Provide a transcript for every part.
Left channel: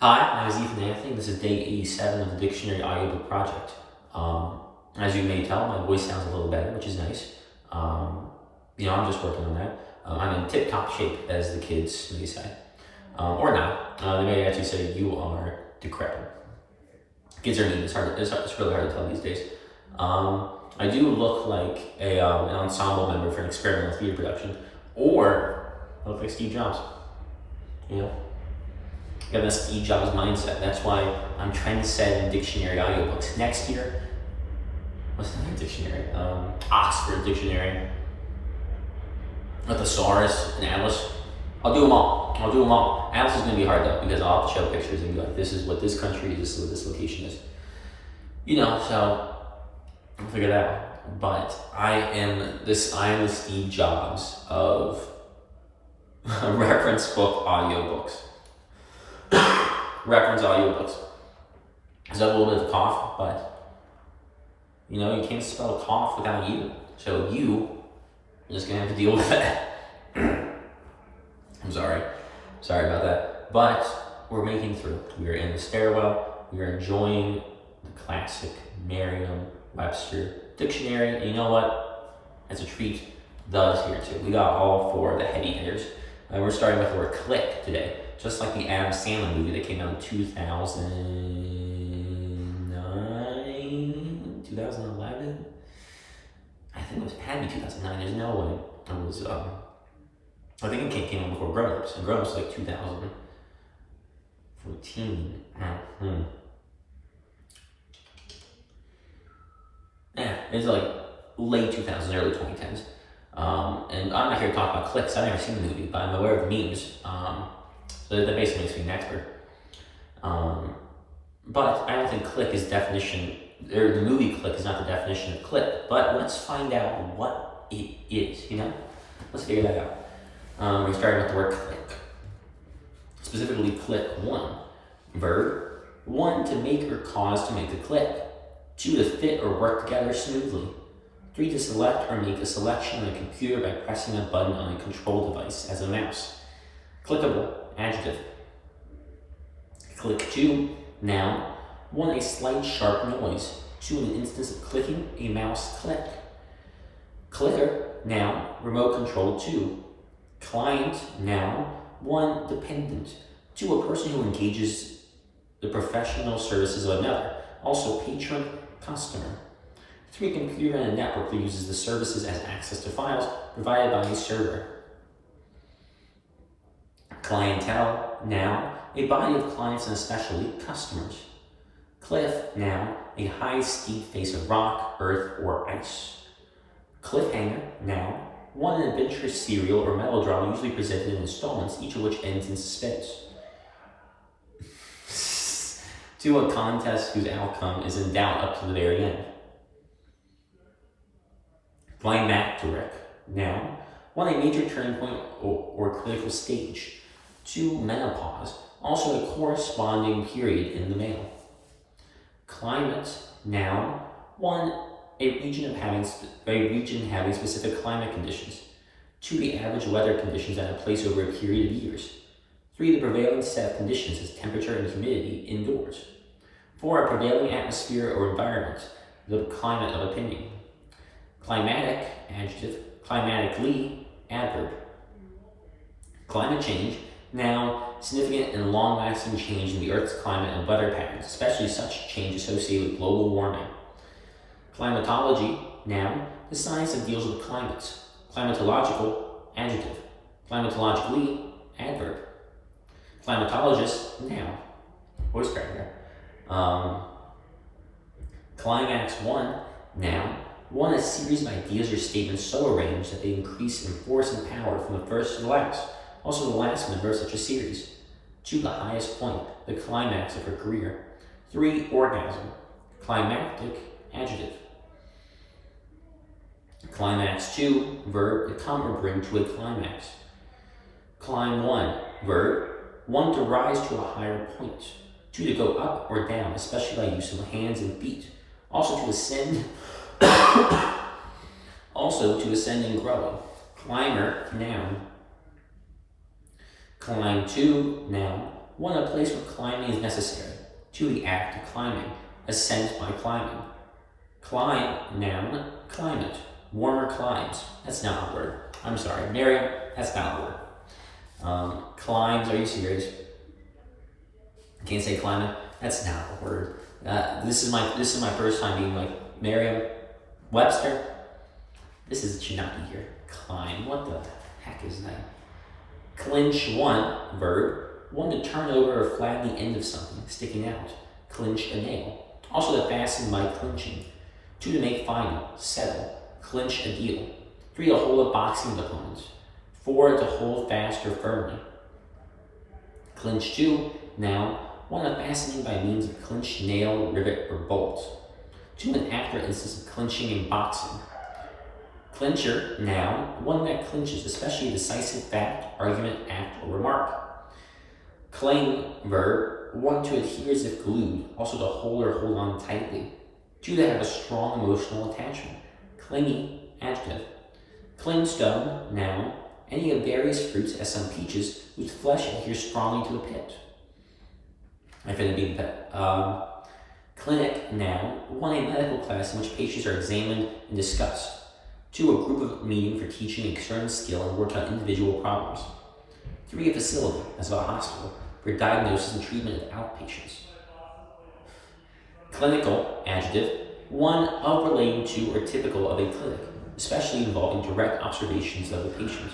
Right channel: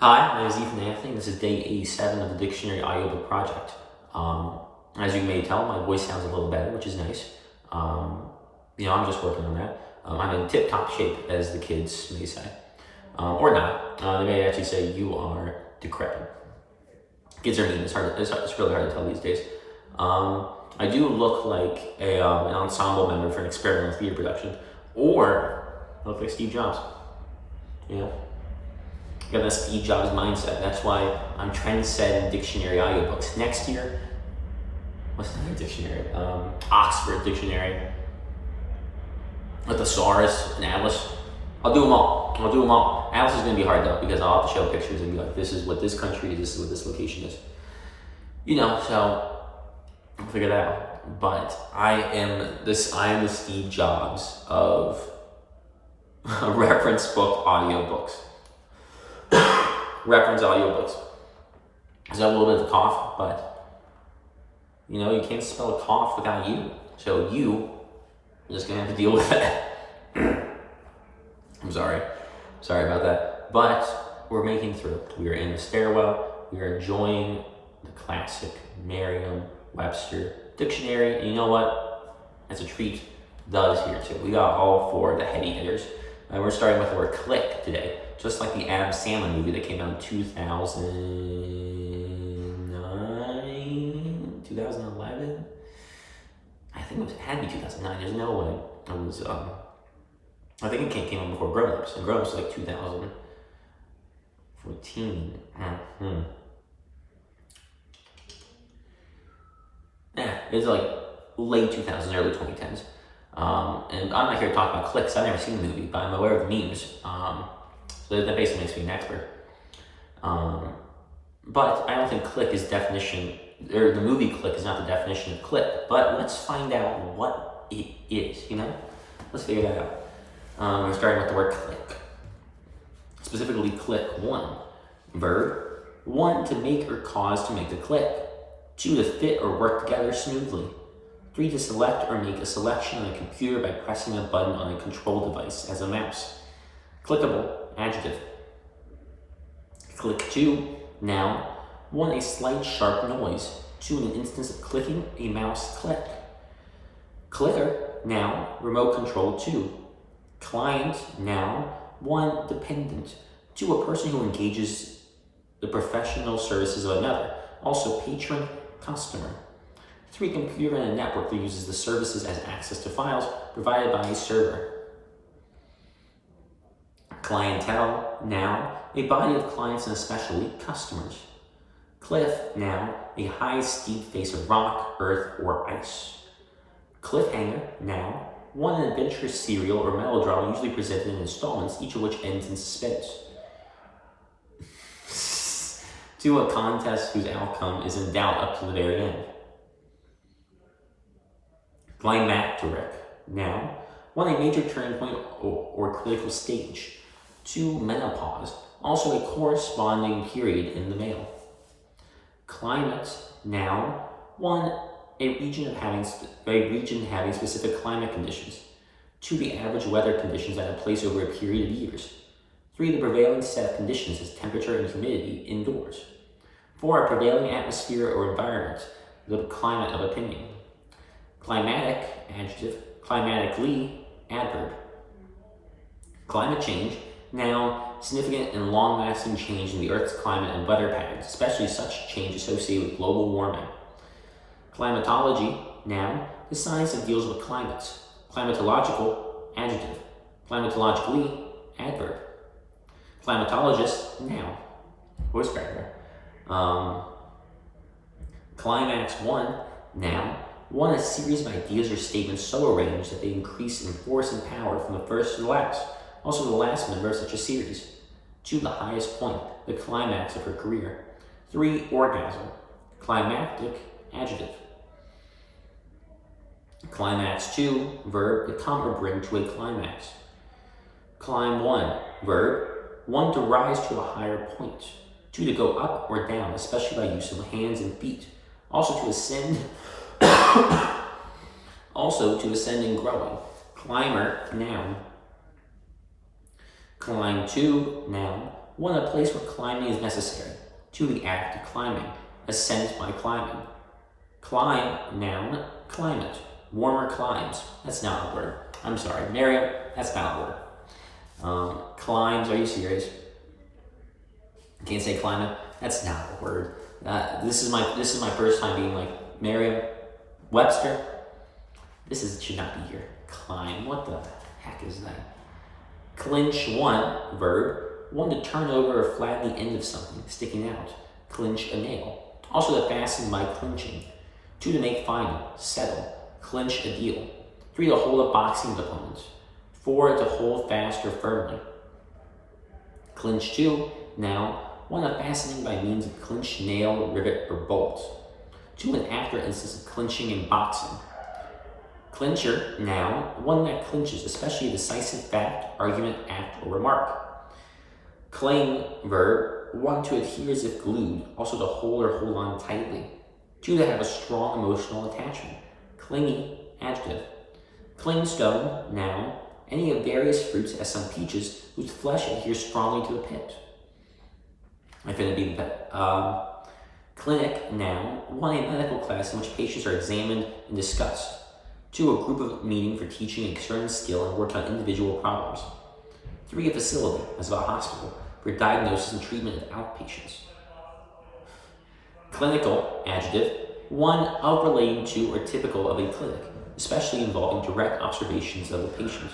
Hi, my name is Ethan Anthony. This is day 87 of the Dictionary Audiobook project. As you may tell, my voice sounds a little better, which is nice. I'm just working on that. I'm in tip-top shape, as the kids may say. Or not. They may actually say you are decrepit. Kids are mean. It's really hard to tell these days. I do look like an ensemble member for an experimental theater production, or I look like Steve Jobs. Got that Steve Jobs mindset. That's why I'm trendsetting dictionary audiobooks. Next year, what's another dictionary? Oxford Dictionary, a thesaurus, an atlas. I'll do them all. Atlas is going to be hard though, because I'll have to show pictures and be like, this is what this country is, this is what this location is. So I'll figure that out. But I am the Steve Jobs of reference book audiobooks. Reference audiobooks. I have a little bit of a cough, but you can't spell a cough without you. So you are just gonna have to deal with that. I'm sorry about that. But we're making through. We are in the stairwell. We are enjoying the classic Merriam-Webster Dictionary. And you know what? As a treat, does here too. We got all four of the heady hitters. We're starting with the word click today. Just like the Adam Sandler movie that came out in 2009, 2011? I think it had to be 2009. There's no way. I think it came out before Grown Ups. And Grown Ups was like 2014. It's like late 2000s, early 2010s. And I'm not here to talk about clicks. I've never seen the movie, but I'm aware of the memes. So that basically makes me an expert. But I don't think click is definition, or the movie Click is not the definition of click. But let's find out what it is, Let's figure that out. We're starting with the word click. Specifically, click. 1, verb. 1, to make or cause to make a click. 2, to fit or work together smoothly. 3, to select or make a selection on a computer by pressing a button on a control device as a mouse. Clickable, adjective. Click. 2, noun. 1, a slight sharp noise. 2, an instance of clicking, a mouse click. Clicker, noun. Remote control. 2. Client, noun. 1, dependent. 2, a person who engages the professional services of another. Also patron, customer. 3, computer and a network that uses the services as access to files provided by a server. Clientele, noun, a body of clients and especially customers. Cliff, noun, a high steep face of rock, earth, or ice. Cliffhanger, noun, 1, an adventurous serial or melodrama usually presented in installments, each of which ends in suspense. 2, a contest whose outcome is in doubt up to the very end. Climacteric, noun, 1, a major turning point or critical stage. 2, menopause, also a corresponding period in the male. Climate, noun, 1, a region having specific climate conditions. 2, the average weather conditions at a place over a period of years. 3, the prevailing set of conditions is temperature and humidity indoors. 4, a prevailing atmosphere or environment, the climate of opinion. Climatic, adjective. Climatically, adverb. Climate change, noun, significant and long-lasting change in the Earth's climate and weather patterns, especially such change associated with global warming. Climatology, noun, the science that deals with climates. Climatological, adjective. Climatologically, adverb. Climatologist, noun. Voice cracker. Climax 1, noun, 1, a series of ideas or statements so arranged that they increase in force and power from the first to the last. Also the last member of such a series. 2, the highest point, the climax of her career. 3, orgasm. Climactic, adjective. Climax 2, verb, to come or bring to a climax. Climb 1, verb, 1, to rise to a higher point. 2, to go up or down, especially by use of hands and feet. Also to ascend and growing. Climber, noun. Climb 2, noun, 1, a place where climbing is necessary. 2, the act of climbing. Ascent by climbing. Climb, noun, climate. Warmer climes. That's not a word. I'm sorry, Merriam, that's not a word. Climbs, are you serious? Can't say climate? That's not a word. This is my first time being like Merriam-Webster. Should not be here. Climb, what the heck is that? Clinch, 1, verb. 1, to turn over or flatten the end of something, sticking out. Clinch a nail. Also to fasten by clinching. 2, to make final, settle. Clinch a deal. 3, to hold a boxing with opponents. 4, to hold fast or firmly. Clinch 2, noun. 1, a fastening by means of clinch, nail, rivet, or bolt. 2, an act or instance of clinching in boxing. Clincher, noun. 1 that clinches, especially a decisive fact, argument, act, or remark. Cling, verb. 1, to adhere as if glued, also to hold or hold on tightly. 2, to have a strong emotional attachment. Clingy, adjective. Clingstone, noun. Any of various fruits, as some peaches, whose flesh adheres strongly to a pit. I'm going to be the pit. Clinic, noun. 1, a medical class in which patients are examined and discussed. 2, a group of meeting for teaching a certain skill and work on individual problems. 3, a facility, as of a hospital, for diagnosis and treatment of outpatients. Clinical, adjective. 1, of relating to or typical of a clinic, especially involving direct observations of a patient.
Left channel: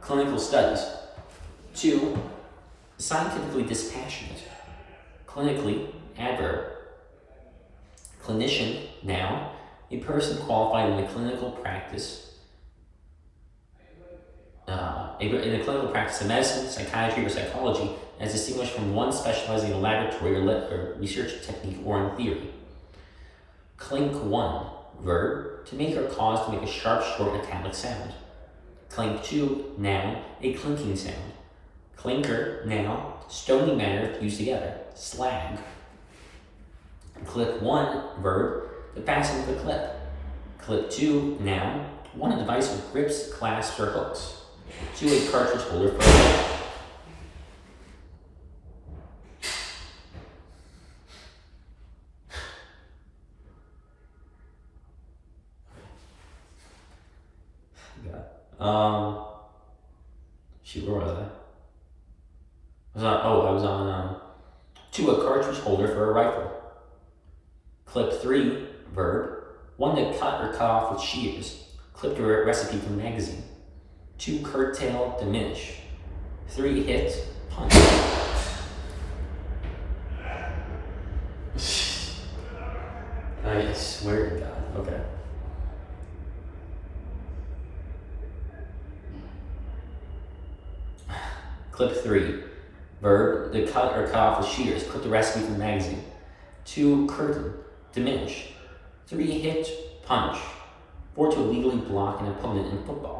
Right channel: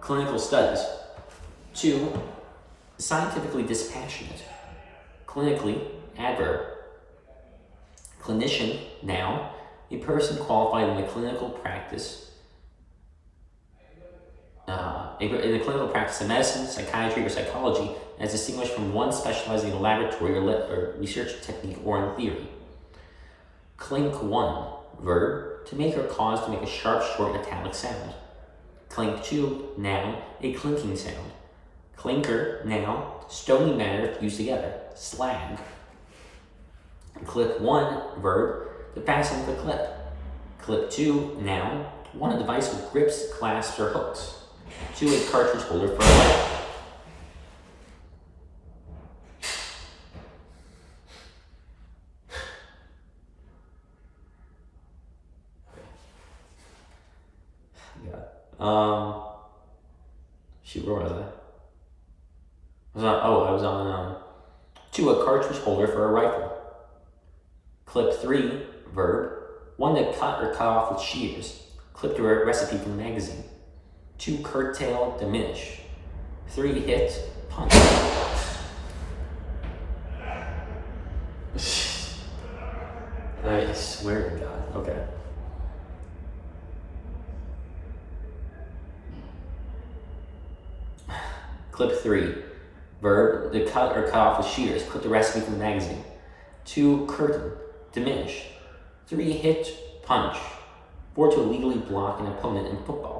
Clinical studies. 2, scientifically dispassionate. Clinically, adverb. Clinician, noun. A person qualified in the clinical practice of medicine, psychiatry, or psychology, as distinguished from one specializing in a laboratory or research technique or in theory. Clink 1, verb. To make or cause to make a sharp, short, metallic sound. Clink 2, noun. A clinking sound. Clinker, noun. Stony matter fused together. Slag. Clip 1, verb. To fasten with a clip. Clip 2, noun. 1, a device with grips, clasps, or hooks. 2, a cartridge holder for a shoot, where was I? I was on 2, a cartridge holder for a rifle. Clip 3, verb. 1, to cut or cut off with shears. Clipped a recipe from a magazine. 2, curtail, diminish. 3, hit, punch. I swear to God. Okay. Clip 3, verb. To cut or cut off with shears. Clip the recipe from the magazine. 2, curtain, diminish. 3, hit, punch. 4, to illegally block an opponent in football.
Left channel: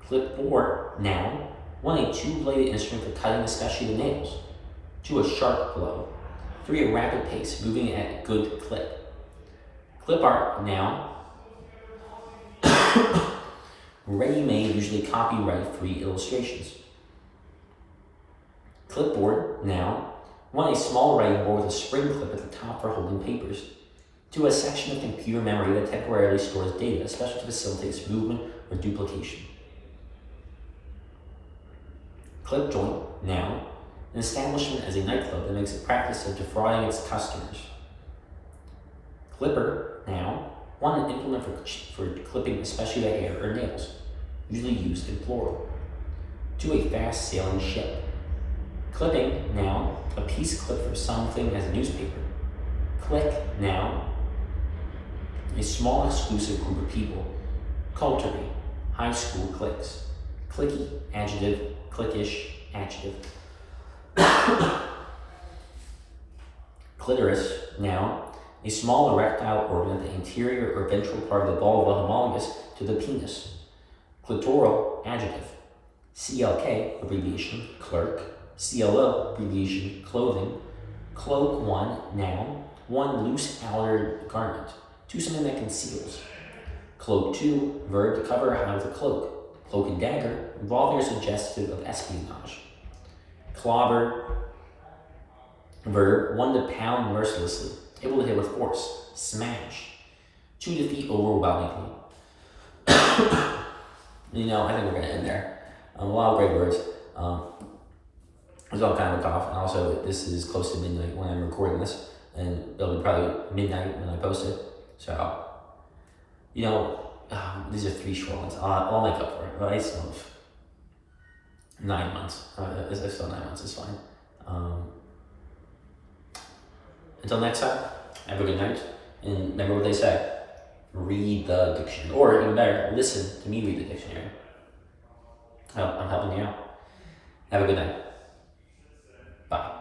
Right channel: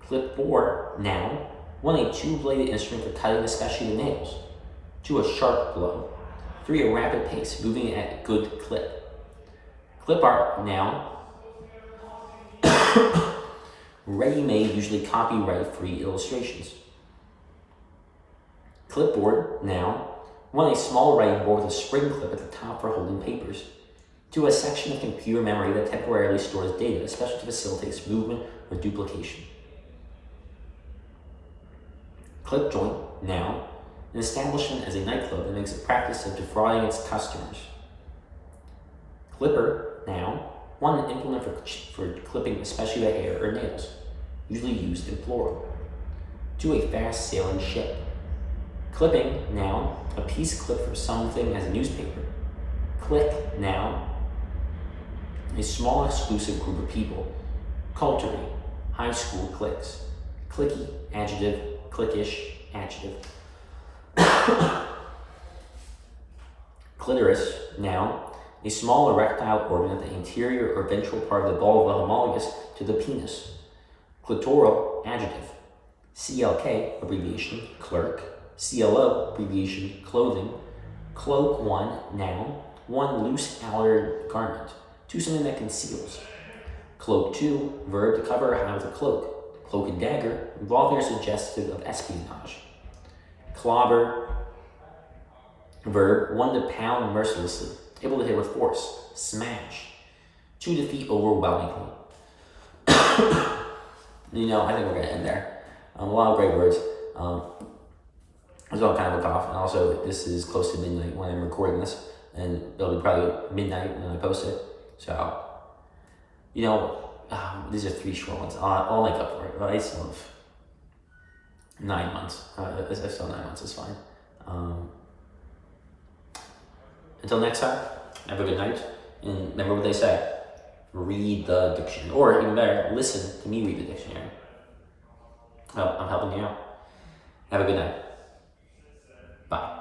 Clip 4, noun. 1, a two-bladed instrument for cutting especially the nails. 2, a sharp blow. 3, a rapid pace, moving at a good clip. Clip art, noun. Ready-made, usually copyright-free illustrations. Clipboard, noun. 1, a small writing board with a spring clip at the top for holding papers. 2, a section of computer memory that temporarily stores data, especially to facilitate movement or duplication. Clip joint, noun. An establishment as a nightclub that makes a practice of defrauding its customers. Clipper, noun. 1, an implement for clipping especially the hair or nails, usually used in plural. 2, a fast sailing ship. Clipping, noun. A piece clipped from something as a newspaper. Clique, noun. A small exclusive group of people. Coterie, high school cliques. Clicky, adjective. Cliquish, adjective. Clitoris, noun. A small erectile organ at the anterior or ventral part of the vulva homologous to the penis. Clitoral, adjective. CLK, abbreviation, clerk. CLO, abbreviation, clothing. Cloak 1, noun. 1, loose outer garment. 2, something that conceals. Cloak 2, verb, to cover or hide with a cloak. Cloak and dagger, involving or suggestive of espionage. Clobber, verb, one to pound mercilessly, able to hit with force. Smash, to defeat overwhelmingly. I think we're going to end there. A lot of great words. It's all kind of a cough, and also this is close to midnight when I'm recording this, and it'll be probably midnight when I post it. So, these are 3 short ones. I'll make up for it, right? So, 9 months. If still 9 months is fine. Until next time, have a good night, and remember what they say. Read the dictionary, or even better, listen to me read the dictionary. I'm helping you out. Have a good night.